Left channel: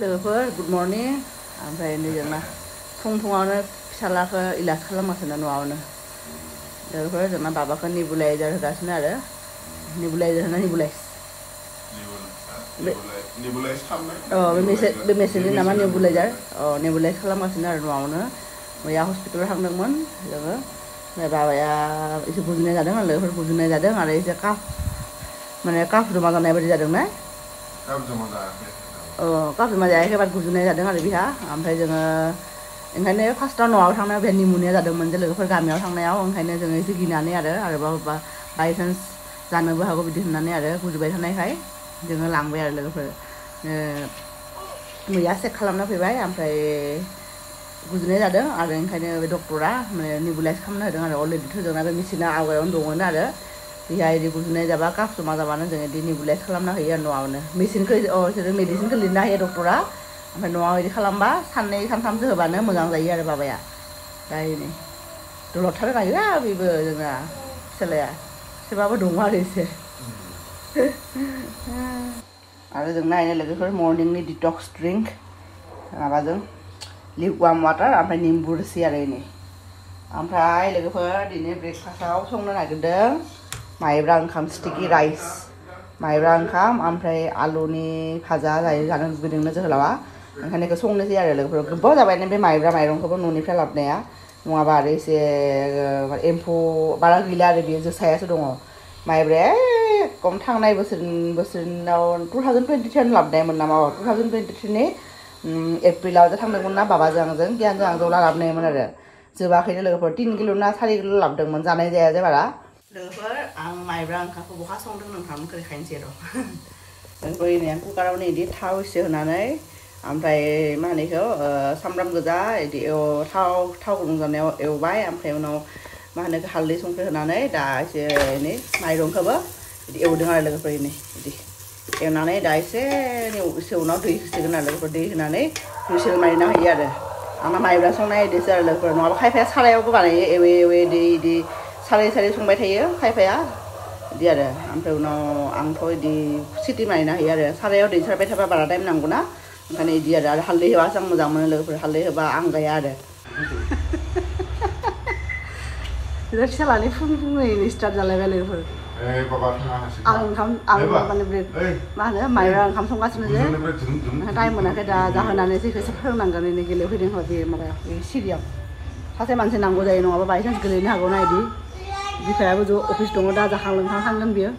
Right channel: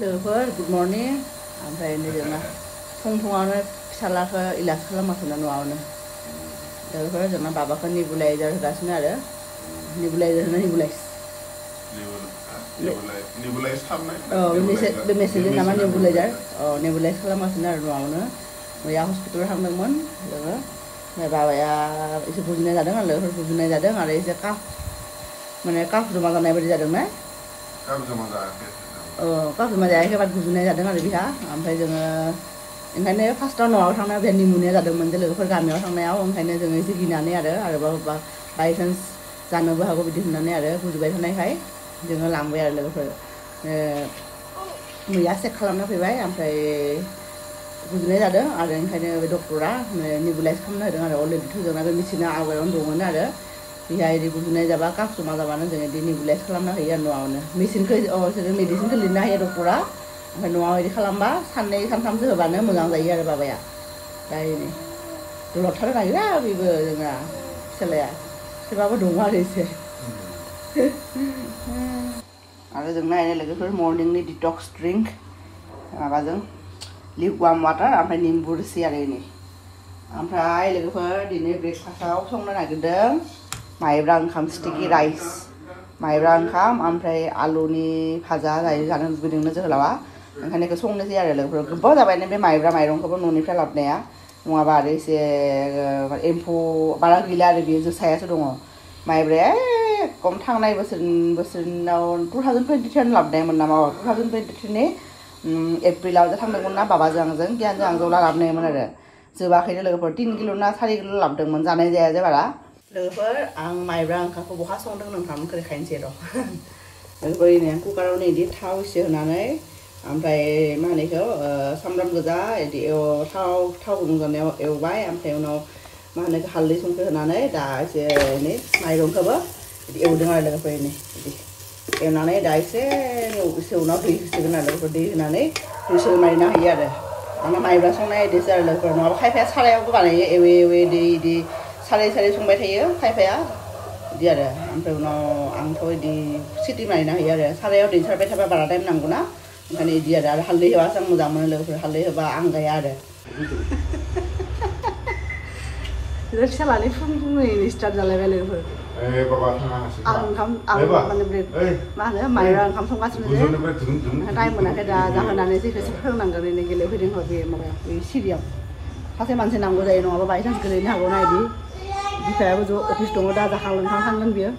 लोगोफोर good morning ओमफ्राय जोंना फुङावनो फिसालाखौ इलाज खालामगासिनो न'आवनो लोगोफोर जोंना बाबाखौ नेबुलाइजार होगासिनो आरो नेबुलाइजार होना नेबुलाइज बे मेसिनजों नामा नेबुलाइजार नेबुलाइज खालामगासिनो आरो न'आवनो मैया हस्पिटालाव थांदोंमोन लोगो बाबाया एसे गुजुनाय जादों लोगोफोर गुजुनाय जादों आरो एसे काफ जमा जानाय बायदि जादों ना काफ जमा जायाखै बाट गुजुनाय जादों आरो बिहा ओमफ्राय जोङो ओंखायनो फार्स्टआव न'आव थांनायाव बे निम'निया जादोंमोन जे लोगोफोर गामियाव थांनायाव ओंखायनो जों एसे गिनानै आरोबाव बायसान्स जानोबो हागौ बिदि होननानै आरो गुजुबाय थानायखाय जोङो लांबाय आरो लोगोफोर मैया चेक खालामना फैबाय ओमफ्राय गुजुनाय जादों आरो ओंखायनो बे डक्टरा नेबुलाइज खालामनो होदों आरो अलरेडि होदों आरो मेसिना आवगायावनो दंमोन आरो बेहा इदि गुजुनाय जाबा काफ जमा जाबानो जोङो इदि नेबुलाइज खालामना होयो आरो न'आवनो मेडिसिनखौ लिरना होयो डक्टरा ओमफ्राय न'आव इदि खालामबा साननै सानथामसो होबानो मोजां जायो आरो बाबाया ओमफ्राय दलरथार गायोना बेबो जोंना फिसालाया सोरबाबो दङ आरो एसे आरो जोंना इनो लोगोफोर मर्निंनि डिटक्स ड्रिंक माबाजों लिकुवाम वाटार ओमफ्राय निम्बु रोसि आरो इनि ओमफ्राय लोगोफोर दिनै ब्रेकफास्टआव संनो नागिरदों माइब्रा ओंखाम स्टिकी राइस माइब्रा ओंखाम ओमफ्राय आलुनि भाजा जानो लुबैदोंनो जोहोलावा ओंखायनो बेखौ संनोसै आरो लोगोफोर गोबाव जाबायनो बे माइब्रा माइरंखौबो न'निफ्राय लाबोनाया नङाबा आरो एसे एम्फौ बारा गैला आरो बेयो जोसायासो दङ माइब्राया एकदम थांनाय बोसोराव 2023 लाबोनायमोन नामा 2023नि एप्रिलाव थांदोंमोन ना बाबाजों आंजों गियानजों आंजों लाबोनायमोन आरो जोबाखैनो लोगोफोर 3 किल' ना 4 किल' लाबोदोंमोन जानाय जाया जे बारा लोगोफोर आं माइब्रा ओंखामखौ बहा संदों नोंथांमोनखौ देखायनोसै र' लोगोफोर आं कुकारावनो इदि थाव एसे होनानै ओमफ्राय मा होनो बेखौ सामब्राम गोजा इदि थाव गुदुं जानायाव एवबाय ओमफ्राय उनाव मा होनो हालदै संख्रि होनानै दा एसे एनै माइरंखौबो इदि एवदों आरो लोगोफोर इदि एवनानै दा एसे उनाव दै होसिगोन आरो लोगोफोर दै होनानै हुइसेल मारिनो हायो आरो आंना माइब्रा संनाय इदिसो आरो लोगोफोर नङाबा खायफाया सारायावबो बानायो एवे इदि साराय संबाय थायो खायफाया इदि आरो ओमफ्राय उनाव आंथ' इदि सिटि मारिनो हायो आरो सारायाव दै सारबाय थाबा बारा टाइम नांगौ ना ओंखायनो इदि आरो हालदै होबासो आं मोजां मोनो लोगोफोर हालदै होबा आं गाया आरो फिसालानि फुंनि स्टार्ट जालायबाय लोगोफोर मा होनो माइब्रा ओंखाम संगासिनो टाइम मोनाखै दा जाहोनानै जेखौ एसे फोरोंनांगोन ओरैनो गेलेफैदों बेयो माबा सिरियाव सासे मानसि नांगौ जायो नङाबा बायसान्स गेलेनो हागौ ना इदि बिफायाबो अफिस दङ दा जाखां लोंखां थांगोन बियो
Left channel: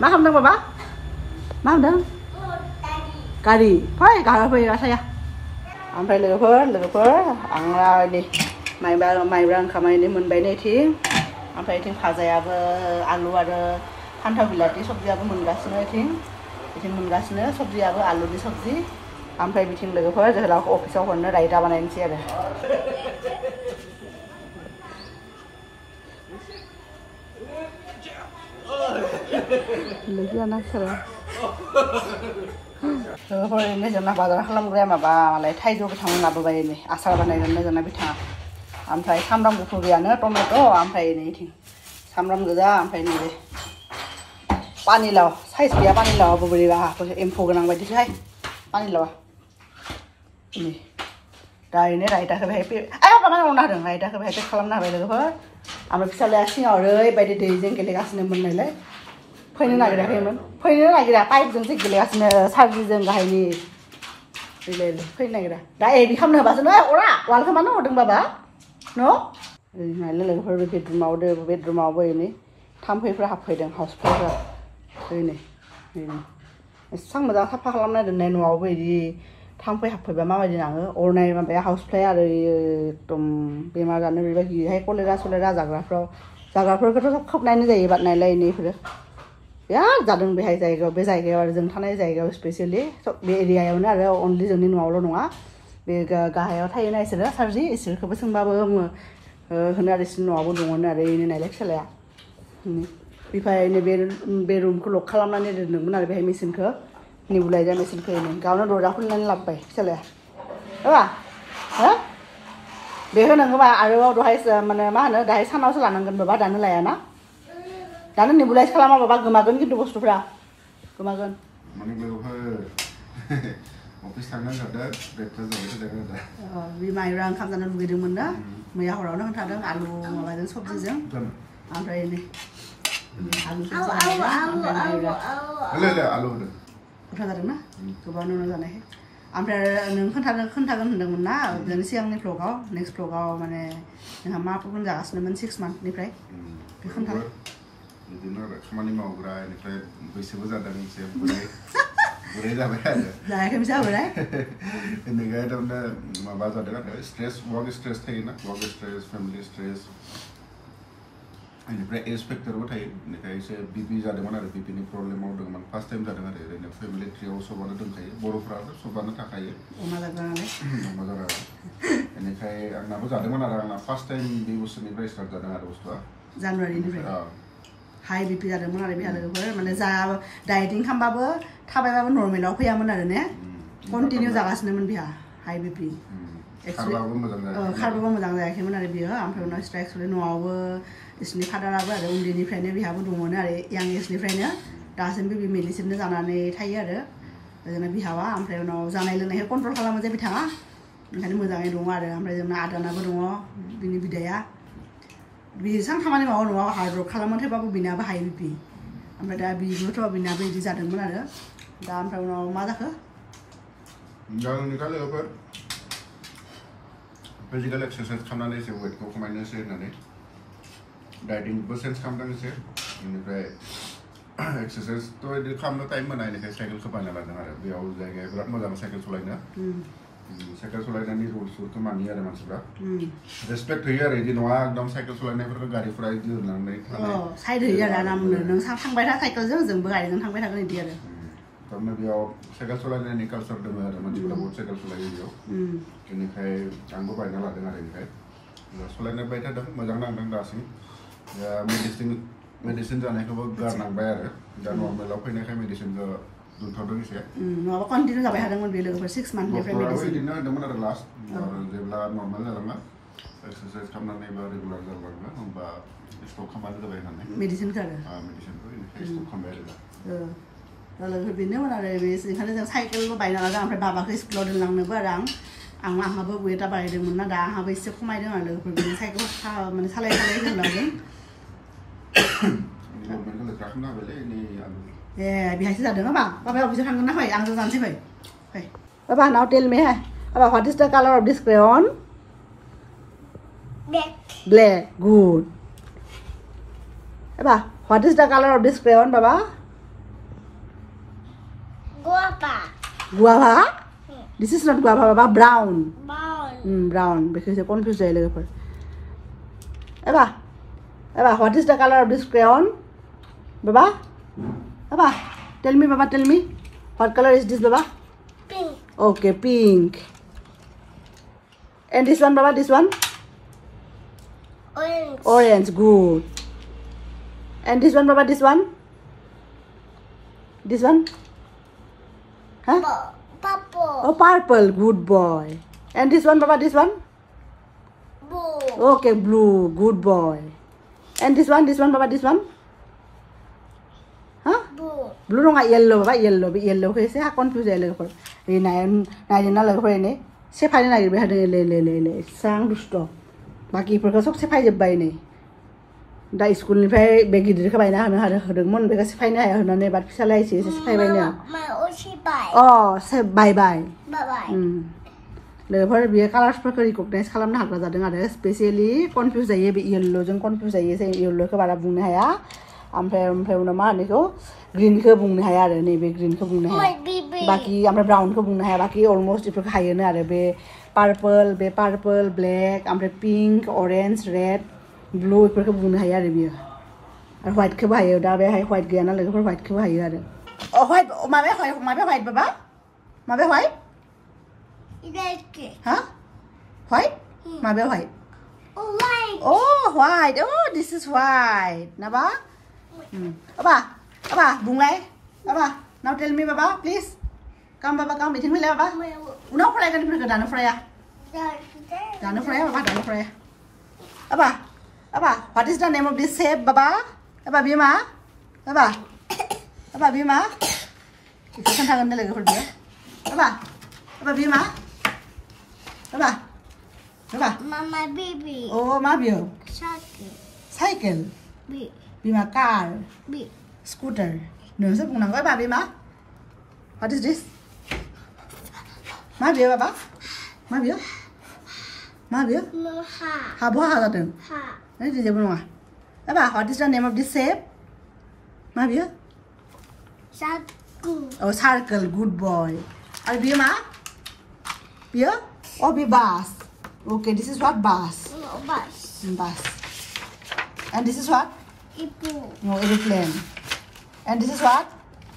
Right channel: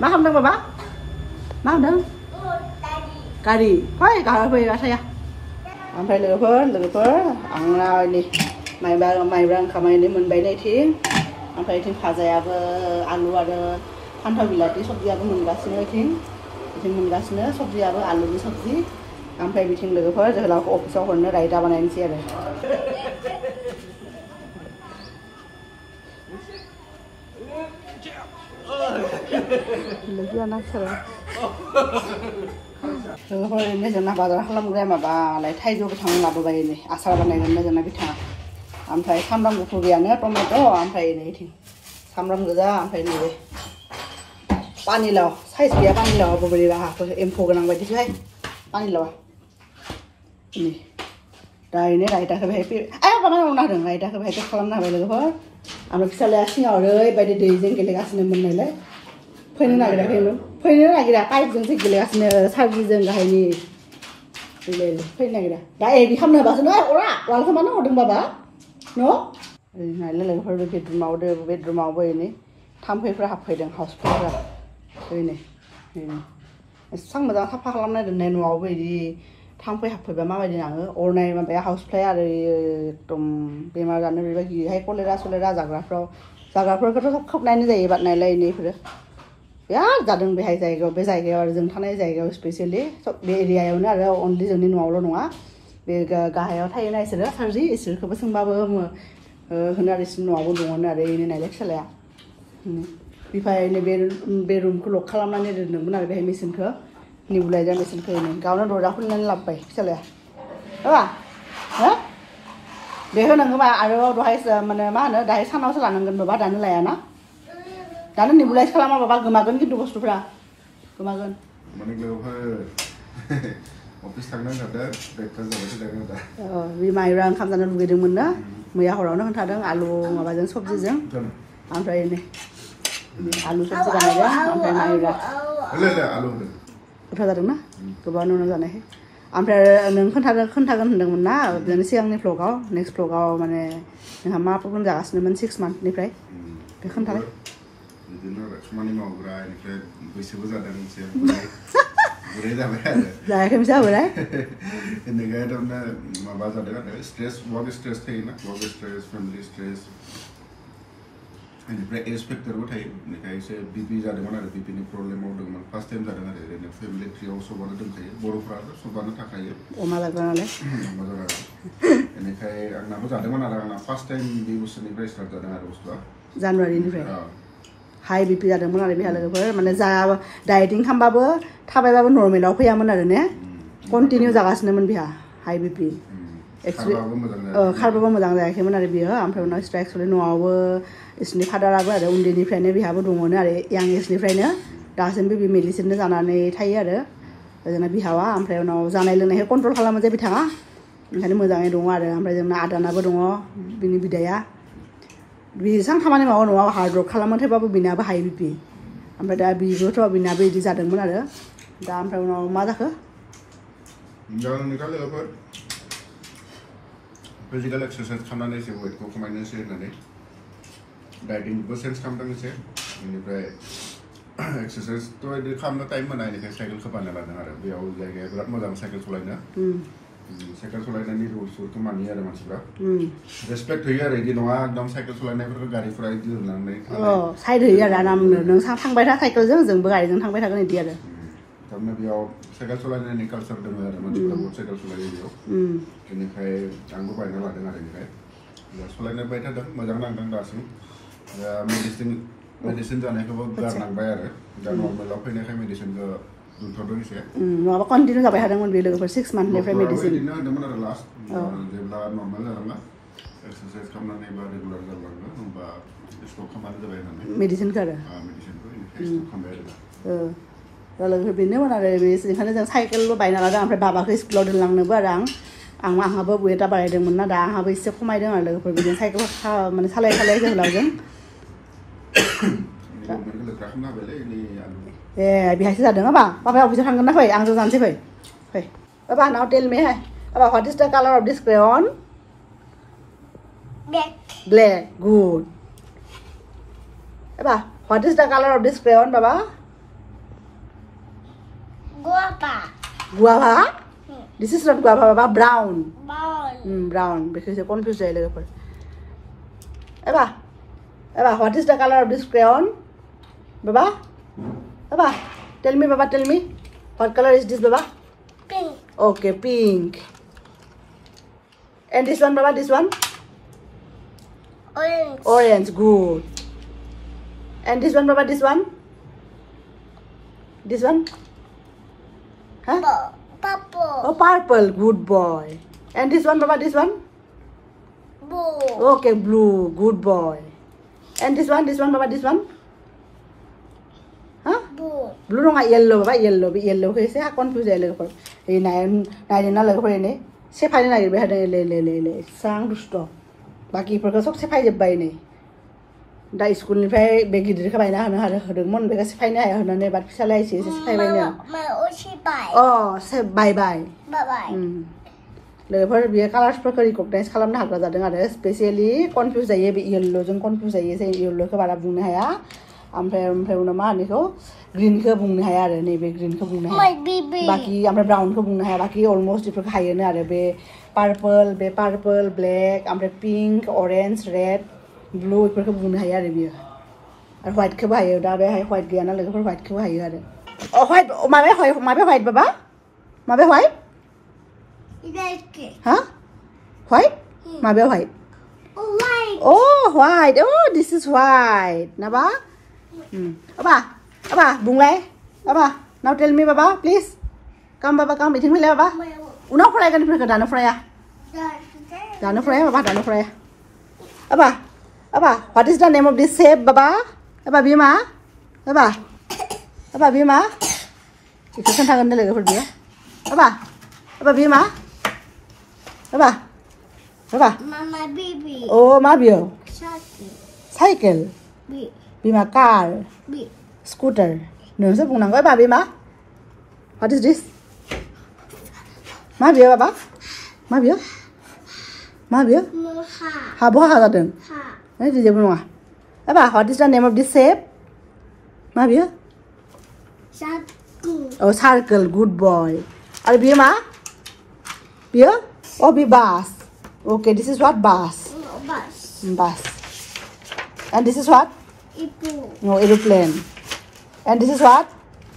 मा खालामदों बाबा मा होनदों गारि फै गाना फै आसाया ओमफ्राय लोगोफोर आंना नै माइब्रा ओंखामा नै मोनबाय नैथिं ओमफ्राय इथिं भाजायाबो आलु आरो फान्थाव बिलाथि सबजियाबो मोनगासिनो इथिं मोनगासिनो सबजियाबो आलुनि सबजि ओमफ्राय बिथिं लोगोफोर जोहोलावखौ अफिसाव हरनो रायता बानायनोसै आरो लोगोफोर जोंना बाजार खालामग्राया माबालाय थाइजौ बिथां लाबोबाय नै आसार बानायगोन जोंना बिथाङा ओमफ्राय सामब्राम गुफुर गैयानो टमेट' ओमफ्राय नैथिं सामब्राम गोजा ओमफ्राय नैबे पानिलाव साइज गैया पानिलावाबो बोरैबा एम्फौ गोनां बायदिसोहाय पानिलावा नै दा ओरैनो रायताखौ बेहाय माबा खालामना होदों रायताखौ बेहाय पेक खालामना होबाय लोगोफोर ओमफ्राय फिसालाया सिङाव ओरैबायदि दैजों गेलेगासिनो मोननायलाय फैनो नागिराखैमोन फैनो नागिरा पाइपजोंसो गेलेगासिनो सार्जिजों गाहायनि फैनो नागिरा दा एदि खालामनो होबासो न अरा वालखौ मानो हरदों बाबा न' लोगोफोर बेडरुमावबो एनै थाम्फैफ्रा हाबफैदों हाउसफ्राव नै एसेबां मोजां साफा खालामना दोननाय न'आवबो इदि थाम्फै हाबफैबा माबायदि नाङो अरनाय माबाया हाउसफ्लाय आरो एकदम बेमार जानो बेबायदिहाय कलेरा जाग्राफोरखौथ' खोबनायानो जायो बादनायलाय इनिफोरो बिराद जादों बेहाय बे जायगायाव आरो जों थानाय जायगायाव स्पेसियेलि बे एरियायावनो आरो अनलि जोंनि न'आवल' नङा बे गाहायाव थायोना इसोरो सार्जि इसोरखौबो सोंबाबो होनो आरो इसोर न'आवबो दंमोन आरो इनो नायलाय फिसालाया बिफायनो बे रुमखौ लक खालामनानै दोनदोंमोन आरो बेहाय मेसिनखौ नेबुलाइजार मेसिनखौ गावनो दरजा खुलिनानै लाबोबाय फिसालाया हा दे होनांगौबा आरो दहाय माने मा होनो दाहाय सानावसो लानांगोन बाबा दानो लायाना दानो नेबुलाइज खालामा बाबा गोमागोन खिन्थु बुस्थुफ्रा गोमागोन Office थांनो जादों breakfast जाबाय थादों दा बे माइब्रा ओंखाम जानो लुगैदोंमोन ना मैया हरावनो खोन्थादों आलु माबाजों सबजिजों ओमफ्राय नै आलु सबजि बानायदों ओमफ्राय माइब्रा आलु गोथाव जादों ना गोबां नुनो जानायखाय ओमफ्राय नों खोन्थागोन होनदोंमोन ना जोंनि सिगांनि vlogआव नेक्स्ट vlogआव माने नोंहा मा प्रब्लेम जागासिनोमोन 6 monthनिफ्राय बे खोन्थालाय बिदिनो खामानि मावग्रा इनिफ्राय बैसोबो जादों एसे बुरै जाबाय आरो जायाखै जाबाय इनिफ्राय दानो माबा जादों आरो स्ट्रेस वर्क स्ट्रेस थायोना वर्क स्ट्रेस फेमिलि स्ट्रेस इनिफ्राय एज फेक्टरबो थायो इनिफ्राय एसे बिपि जादोंमोन आरो बिपिनि प्रब्लेम मावदोंमोन फार्स्ट टाइम जादों आरो ओरैनो फेमिलि ट्रियाव सबानो दंखायो बर'फ्राबो सबानो थाखायो अमा जाग्रा नालाय अमा जाग्रा इनिफ्राय आंनाबो जादोंमोन आरो आंना फार्स्ट टाइम बे बोसोरनिफ्राय स्टार्ट जादों आरो बुस्थुआ जानुवारिनिफ्राय हाई बिपि जादोंमोन आरो बिहा लोगोफोर माने जा डाइटिं खालामबाबो थाबायबाबो नर्मेलाव फैयामोन आरो ने कन्टिनिउ जागासिनोमोन बिहा हाई बिपि खारबाबो मोजां जायाखैमोन आरो बियो ओमफ्राय उनाव एक्सुवेलि न'आवबो बिसोरनि फादाराबो आरो उन्दैनिफ्रायनो बिहाबो दङनो आरो यां एजनिफ्रायनो दासिमबो बे मेडिसिननो जानानै थायो आरो जोंना बिहावा ओमफ्राय उनाव जानाय लोंनायखौ कन्ट्रल खालामो जे बिथाङा ओंखायनो मोजाङै दङ आरो ओमफ्राय जोंना आदानाबो दङ बिनि बिदाया बेसेबां खामानि मावो न'आव हार्ड वर्क खालामो थेवबाबो बिनाबो हाई बिपि ओमफ्राय दा बिबोथ' बिनाबो बिदि जादोंमोन आरो दा ओमफ्राय उनाव मा जाखो फिजिकल एक्सारसाइज खालामनानै एसे वेटखौ खमायनोसै होननानै डाइटिंबो चेन्ज खालामदों एसे बेनिफ्राय एक्सारसाइजथ' बिदि खालामनो टाइम मोना बेनिफ्राय साइकेलखौ बानायना लादों आरो बेयाव जायगाया बिराद मोजां साइकेल सालायनो साइकेल सालायनायनि रुल्सफोरखौ मानियो आरो मानसिफ्रा रेसपेक्ट होयो आरो बिदि नङा एकदम साइकेल सालायनायफोरखौ गारिफोरा बिदि होनानै साइड होयो आरो आरामनो नों थांबाय था साइकेलजों जोंबो गारिजों थांबाय थागोन बिदि आरो थारमाने बेयाव साइकेल सालायनायनि कालचार दङ आरो मानसिफ्रा बहुत साइकेल सालायो बेयाव बेनिफ्राय आंबो बायना लादों आरो बेनिफ्राय सालायनो बाय थादों मोजां नांदों दासिम मेडिसिन जानायखौबो गारनांबाय आरो दा नर्मेलाव फैनायखाय मेडिसिनखौ दोनथ'दों एसे नङाबा कन्टिनिउ जाबाय थादोंमोन बे लोगोफोर 6 monthनिफ्राय मेडिसिन बिदिनो होदोंमोन आरो लास्ट जेब्ला नर्मेल जालाङा एक्सारसाइज खालामनानै बा रेगुलार जालाङा होमबा स्टप खालामबानो जाबाय होननानै मेडिसिनखौ बेनिफ्राय स्टप खालामबाय आरो दा लोगोफोर बेनोमोन आरो बेनिखायनो जों साइकेलबो बायना लादों ओमफ्राय बाबाखौ स्कुलाव दोनलांनोबो आरो आंहाबो वेटआ बारायदोंमोन ना दा आंहाबो एसे खमायदों आरो लोगोफोर बिदिनो साइकेलखौ माने सालाय जोहोलावजों ए बेहायसो जादों बाबाया अफिसाव थांगोन ना फै आंजों जानोसै फै बाबा नाउ टेल मी बाबा what is the colour of this crayon black good बाबा what is the colour of this crayon बाबा guava this is not guava baba brown brown because I confused a little bit Eva what is the color of this crayon baba tell me what color is this baba pink okay pink and this one baba this one orange good and this one baba this one huh? Purple. Oh, purple. Good boy. And this one, Baba, this one? Blue. Okay, blue. Good boy. And this one, Baba, this one? Huh? Blue. Blue no, yellow. Yellow. Yellow. Okay, say, how confused I look. Hey, nine, nine, say, fine, like, we had a sound stop. Maki, because of the by me. दा स्कुलनिफ्राय बेग गिदिरखौ बायना होनो होदोंमोन बेगा सिफायनो हाया होननानै बाद फिसाला एसे सिफायबायनो बाय लोगोफोर बेयो कालार्सफोरखौ रिकगनाइज खालामनो हाग्रा जादों आरो स्पेसियेलि कनफिउज जायो बे येल्ल'जों कनफिउज जायो जों येल्ल'खौ बारा बुंनो हाया ओमफ्राय उनाव मा होनो ग्रीनखौ बुंनो हाया आरो नैबे ग्रीनखौ बुंनो हाया बाखि ओमफ्राय ब्राउनखौ बुंनो हाया बाखि अलमस्ट बेफोरखौ हायोनो आरो बे पार्पल ब्लेक ओमफ्राय पिंक अरेन्ज रेड ब्लू इफोरखौ बुंनो हायो आरो बियो आरो व्हाइटखौबो हायो दा बेहाय व्हाइट गैया ना लोगोफोर व्हाइटखौबो हायो आरो व्हाइट माबे व्हाइट बाबा माबे व्हाइट हा व्हाइट माबे व्हाइट व्हाइट दिस इज व्हाइट ना बा बाबा बुंलाय बाबा नाउ टेल मी बाबा प्लिज कम बाबा कम बिथिं फैलाय बाबा उनाव फरायगोन बेफोरखौ दानो फराया बाबा दानो फराया Baba, what is the name of this shape, Baba? Baba, Bima? Baba, Bima? Kita kan tangan dia lagi, Baba. Apa bima? Apa? Apa? Mama baby. Oh, ma bio. Cycle. Cycle. B. Bima car. B. Scooter. Nương sẽ cùng nàng với bà bima. What is this? Ma bio apa? Ma bio? Ma bio? Ha. Ha bo ha gadın. Ha. Ne diyeceğim buna? Apa? What is the name of this shape? Ma bio? Cycle. Oh, circle. Good boy. Are bima? Bio? Oh, be bus. Okay, this is what bus. No, bus. Bus. And this is what? Ibu. No, aeroplane. And this is what?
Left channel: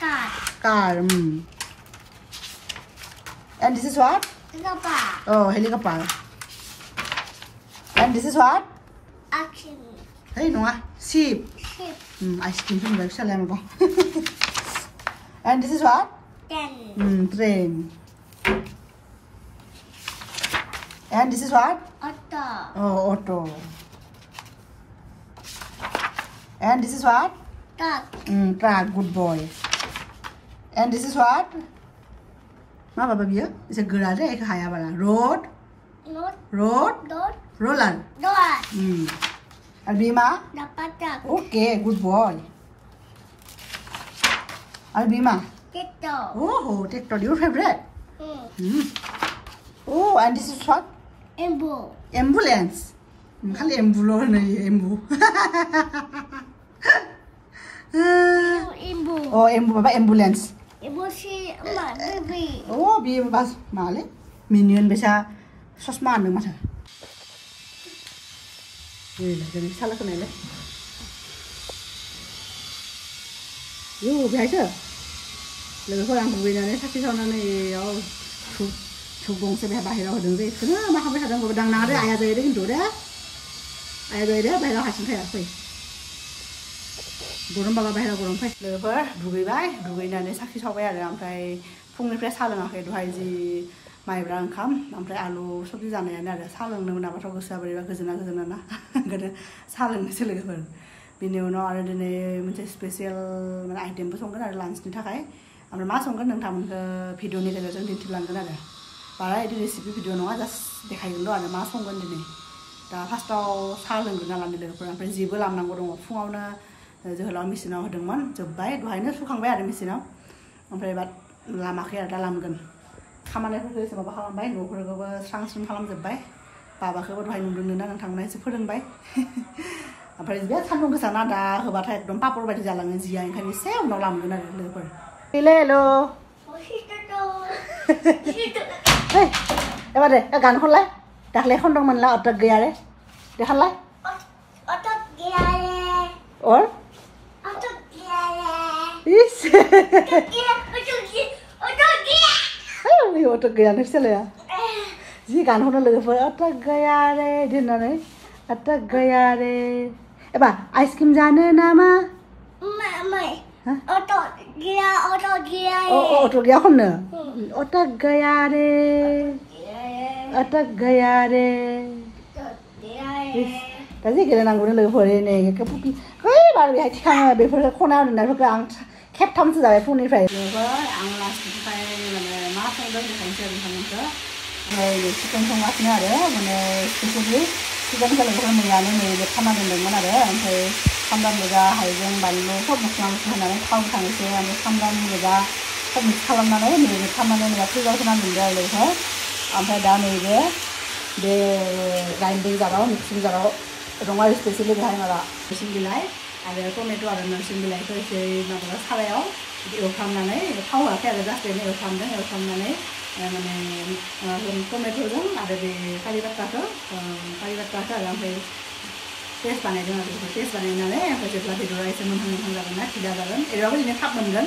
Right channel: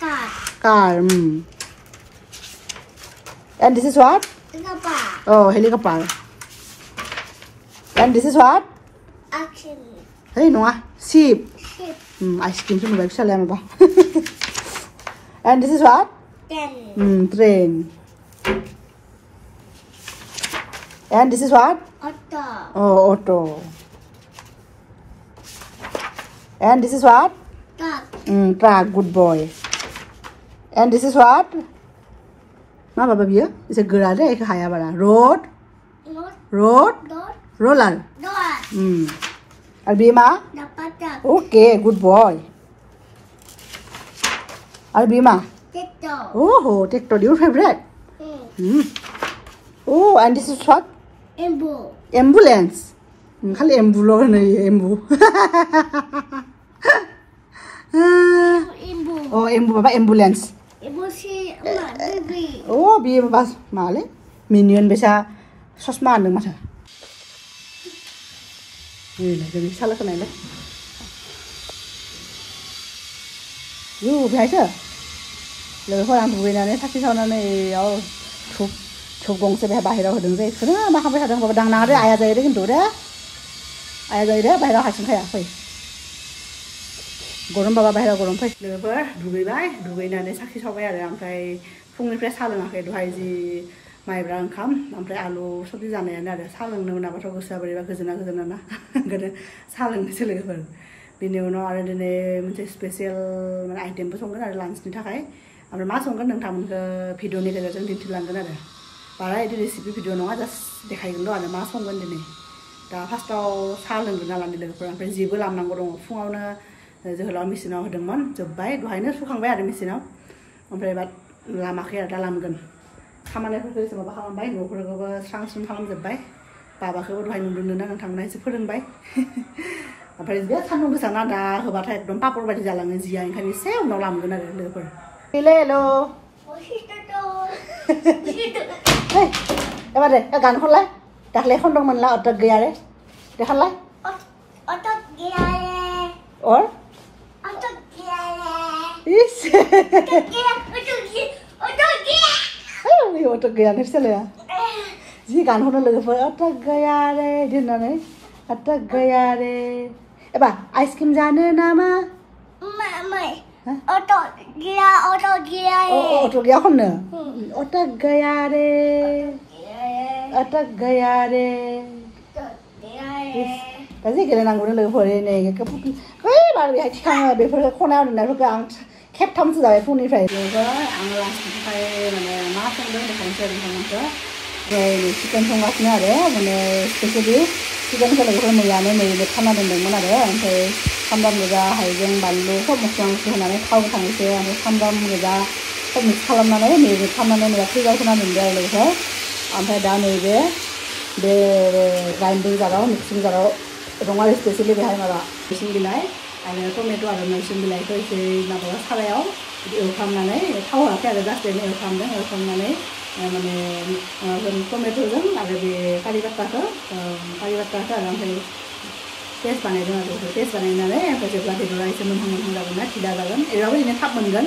Car. Car. And this is what? Gapa. Oh, helicopter. And this is what? Action. Hey, no, sheep. Ship. Ice cream from the website. And this is what? Ten. Train. And this is what? Auto. Oh, auto. And this is what? Truck. Truck. Good boy. And this is what? Ma baba biya? It's a garage. Ek haya bala. Road. Not. Road. Dot. Roller. Dot. Albima? Dapat tak. Okay, good boy. Albima? TikTok. Oh, TikTok, your favorite. Oh, and this is what? Embu. Ambulance. Kali embu lo na embu. Embu. Oh, embu baba ambulance. Embu si mak baby. Oh, biar bas male. Minion bisa sosma andeng masa. Jadi salah kena ni. You biasa. Lalu orang berbeda ni, tapi sana ni, oh, gong sebab bahaya hodeng deh. Kenapa makan bahaya hodeng? Badang nade ayah saya deh gitu deh. Ayah saya deh bahaya hasil saya apa? Gorom bapa bahaya gorom apa? Lalu dugai nade sakit sampai ada sampai fungniफ्राय साहा लोङाखै दहाय जि माइब्रा ओंखाम ओमफ्राय आलु सबजि जानायानो आरो साहा लोंनो मोनाबाथ' गोसोआ बोरैबा गोजोना ना ओंखायनो साहा लोंनोसै लोगोफोर बिनि उनाव आरो दिनै मोनसे स्पेसियेल माने आइटेमबो संगोन आरो लान्चनि थाखाय ओमफ्राय मा संगोन नोंथांमोनखौ भिडिअनि गेजेरजों दिन्थिलांगोन आरो बारा बिदि रेसिपि भिडिअ नङा जास्ट देखायगोनल' आरो मा संगोन दिनै दा फार्स्टआव साहा लोंग्रोना लानि लोगोफोर ओमफ्राय जिबो लामनांगौ दङ फुङावनो जोहोलाव मेचिनाव होदोंमोन जोब्बाय दहायनो सुखांबाय आरो मेचिनाव ओमफ्राय बाद लामाखै आरो दा लामगोन खामानिफोरखौ एसे माबा खालामबाय न'फोरखौबो स्रां स्रां खालामजोब्बाय बाबाखौबो दहाय नुदोंना नोंथांमोना एसे फोरोंबाय ओमफ्राय बे सान्दुं गोसाना दा होबाथाय एकदम पापर बायदि जालाङो जिया ओंखायनो एसे उनाव लामगोन आरो लोगोफोर हेलो एबार दे गान खनलाय दाख्लै खनदोंमोनलाय अटक गैया रे देखानलाय Otot gila le. और Otot gila le. इस Otot gila. Otot gila. Ay, otak gaya nih sih ya. Jadi kan udah level otak gaya deh, di mana? Otak gaya deh. Pak, ice cream jana nama? Mai. Otot gila le. Oh, otak gaya kan nih? Otak gaya deh. Otak gaya deh. Tapi kita nanggung level ini. Hei, lalu ya kita level konan nih, level ang 캡 탐스다의 푸니프라이 이거 앙라스파이 মানে মা সংদন দেখাইছে নমস্কার এই chicken সংগাসনে आरो মানে specially chicken खौ मैयानो marinate खालामना दोनदोंमोन आरो ओमफ्राय सामब्राम गोजा हाइजें बानलु सब मस्ला मस्लि होनानै थाव थांसै ओमफ्राय सामब्राम गोजा सब मिक्स खालामनानै मेरिनेट खालामनानै मैया फ्रिजाव सोना दोनदों आरो लोगोसे ओमफ्राय दा नैबे बे ग्राइन्डिं जाराव मिक्सिं जाराव दं आरो स्पेशली बेहाय माबा मिसिं बिलाइ आरो टमेट' आरो नोरसिं बिलाइखौ एसे माबा सारायाव एवफ्रामनानै थाव होआखै आरो जास्ट ओरैनो एवफ्रामनानै माने टमेट'जों आरो बे कारि बाट्टाखौ आरो ओमफ्राय पेस्ट बानायदों आरो पेस्ट बानायनानै ओमफ्राय जेब्ला बेदरा एसे मोनहां जागोन ना फिदा जागोन एरैबाबो बिदिनो थाब मोनगोन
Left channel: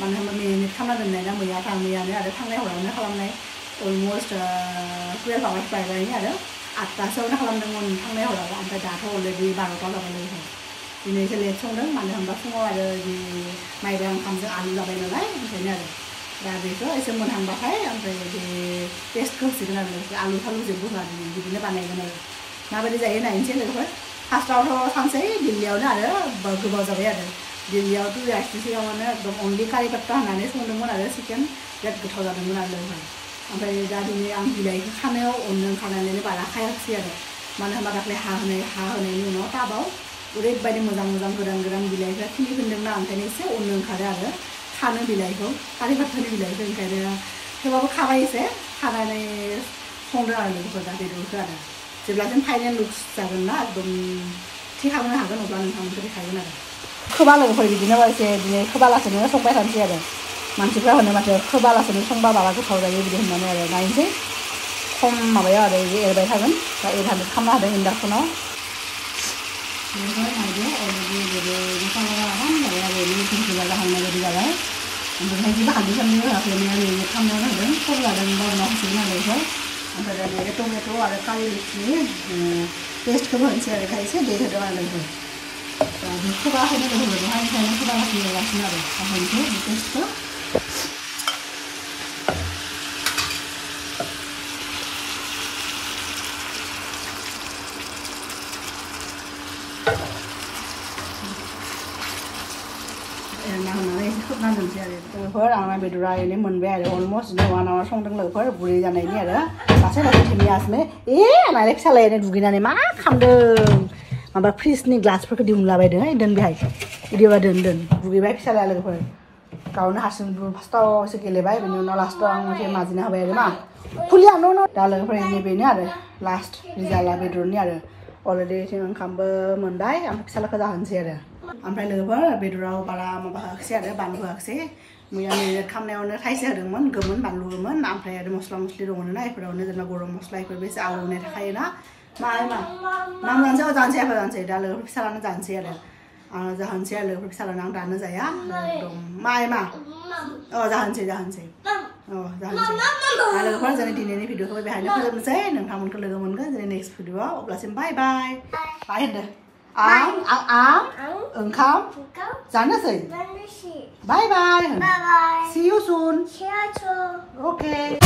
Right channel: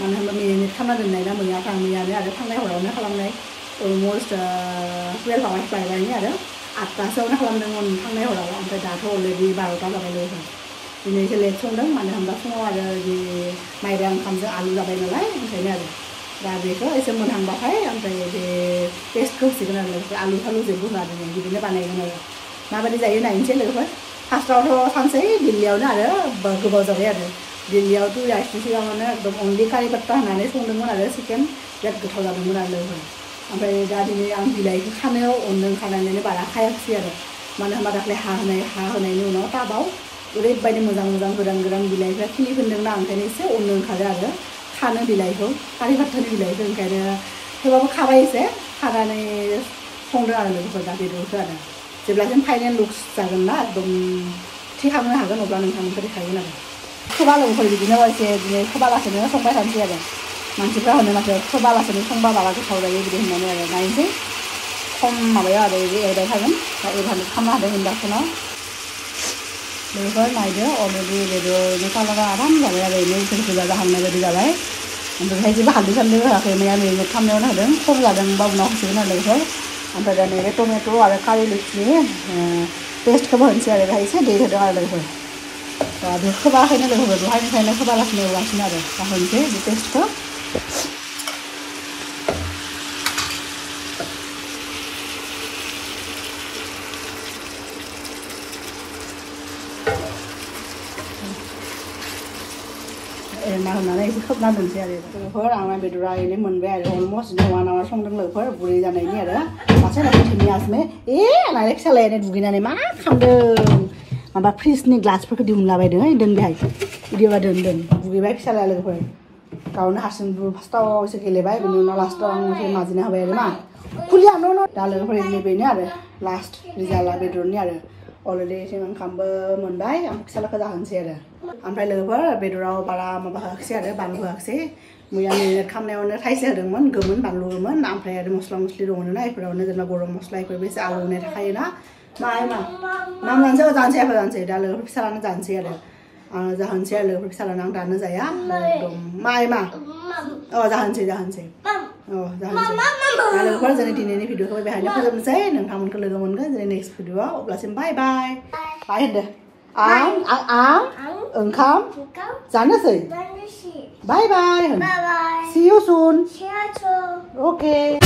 मानो होनबा मेरिनेट खालामना दोननाय ना मैयानो आरो थांनाय हरावनो खालामनाय अलमस्ट 12 आवार्स बायबायनि आरो 8टासोआवनो खालामदोंमोन थांनाय हराव ओमफ्राय दाथ' अलरेडि 12टा जाबाय लोगोफोर दिनै एसे लेट संदों मानो होनबा फुङाव आरो जि माइब्रा ओंखामजों आलु जाबाय नालाय ओंखायनो आरो दा बेखौ एसे मोनहांबाथाय ओमफ्राय बे पेस्टखौ होसिगोन आरो लोगोफोर आलु थालु जेबो होआ दिनै बिदिनो बानायगोन आरो माबायदि जायो नायनोसै लोगोफोर फार्स्टआवथ' थांसै दिल्लीयावनो आरो गोबाव जाबाय आरो दिल्लीयावथ' आइसनि सिगाङावनो एकदम अनलि कारि बाट्टा होनानै संदोंमोन आरो चिकेन बिराद गोथाव जादोंमोन आरो लोगोफोर ओमफ्राय दा दिनै आं बिलाइखौ खानायाव अनदों खानानै बारा खायाखिसै आरो मानो होनबा दाख्लै हा होनायनि उनाव टाबाव ओरैबायदि मोजां गोरान बिलाइफ्रा खिलिफिनदोंना ओंखायनो एसे अननो ओंखारो आरो खानो बिलाइखौ कारि फाथानि बिलाइखौ ओंखायनो थेवबाबो खाबाय एसे खानानै संदों आरो लोगोफोर दा बेदरखौ आरो जेब्लासिम फाइनेल लुक्स जागोन ना एकदम थि खालामनो हागोन अब्ला नोंथांमोनखौ देखायगोन आरो खोबा लोगोफोर बिदिनो एसे बिदिनो खोबालासेनो संबाय थानोसै आरो मानसिफ्रा होनो नाथाय खोबालासेनो संबा माबा गोथाव जायो बिदि होननानै नायनोसै खम माबायाव आरो एरबाय थागोन एरहानो खालामनो हादों इन्डाक्सनाव बेनिफ्राय नायदो अलरेडि बेदरनि कालारा आराम जाबाय आरो ओरैनो गोजा जाहांनाय बायदि जाबाय ओमफ्राय जेबो हालदै सालदै होआखै मैया मेरिनेट खालामनायावनो होदों खम जादों होमबा उनाव होसिगोन आरो बेनिफ्राय ओमफ्राय दा नैबे टमेट' आरो कारि लिभसनि पेस्टखौबो होनोसै आरो बेहाय एसे दै होदों आरो लोगोफोर बेखौ खोबाखैनो लोगोफोर दहायनिफ्रायनो खोबालासिनो एवगासिनो आरो होनोसै बे पेस्टखौ एरना होनानै एसे खोबना दोनसै आरो लोगोफोर आंना बेदरा ओरैनो मोनबाय आरो अलमस्ट नङा संदों लोगोफोर गुरै जानायनि आरो मासे दिनियासनो होननानै फिसालाय ओरै दुगैनानै मा खालामदों माबा फ्रिजनि ग्लासफोरखौ दिहुनलाबायदों दोन बेहाय बिदिबा दोन दुगैबाय फिसालाय लोगोफोर गावनो हारसिं फार्स्टआव एसे गेलेबाय बिनि उनाव लास्टआव आं एसे माजिना होबाय आरो मा खुलियानो दा लोगोफोर बेनो आरो लास्ट रिजाल्टआ बेदरनि आरो अलरेडि एसे ओंखामबो मोनबाय आं फिसालाखौ जाहोनोसै आरो ओमफ्राय लोगोफोर बेदराव बारा माबा होआखिसै आरो बानलु होआखिसै मैया मेरिनेट खालामनायावनो थाइसे होदोंमोन गोमोन बानलु गोमोन ओमफ्राय आरो मस्ला मस्लि दङ ना बेफोरावनो जेनेबा गरम मस्ला बेफोरबो एसे आलौनाय थाखायोना जानोसै दा लोगोफोर फिसालानो जानोसै आरो आं जाहोनोसै आरो लोगोफोर फिसालानो आं दानो जाया एकदम जाहोनोसै दा लोगोफोर जोंनि दिनैनि भिडिअखौ बेहायनो फोजोबनोसै नोंथांमोनखौ लोगो मोनगोन जोंनि नेक्स्ट भिडिअआव अब्लासिम बाय होनदो आं ओंखाम जानोसै बाय see you soon okay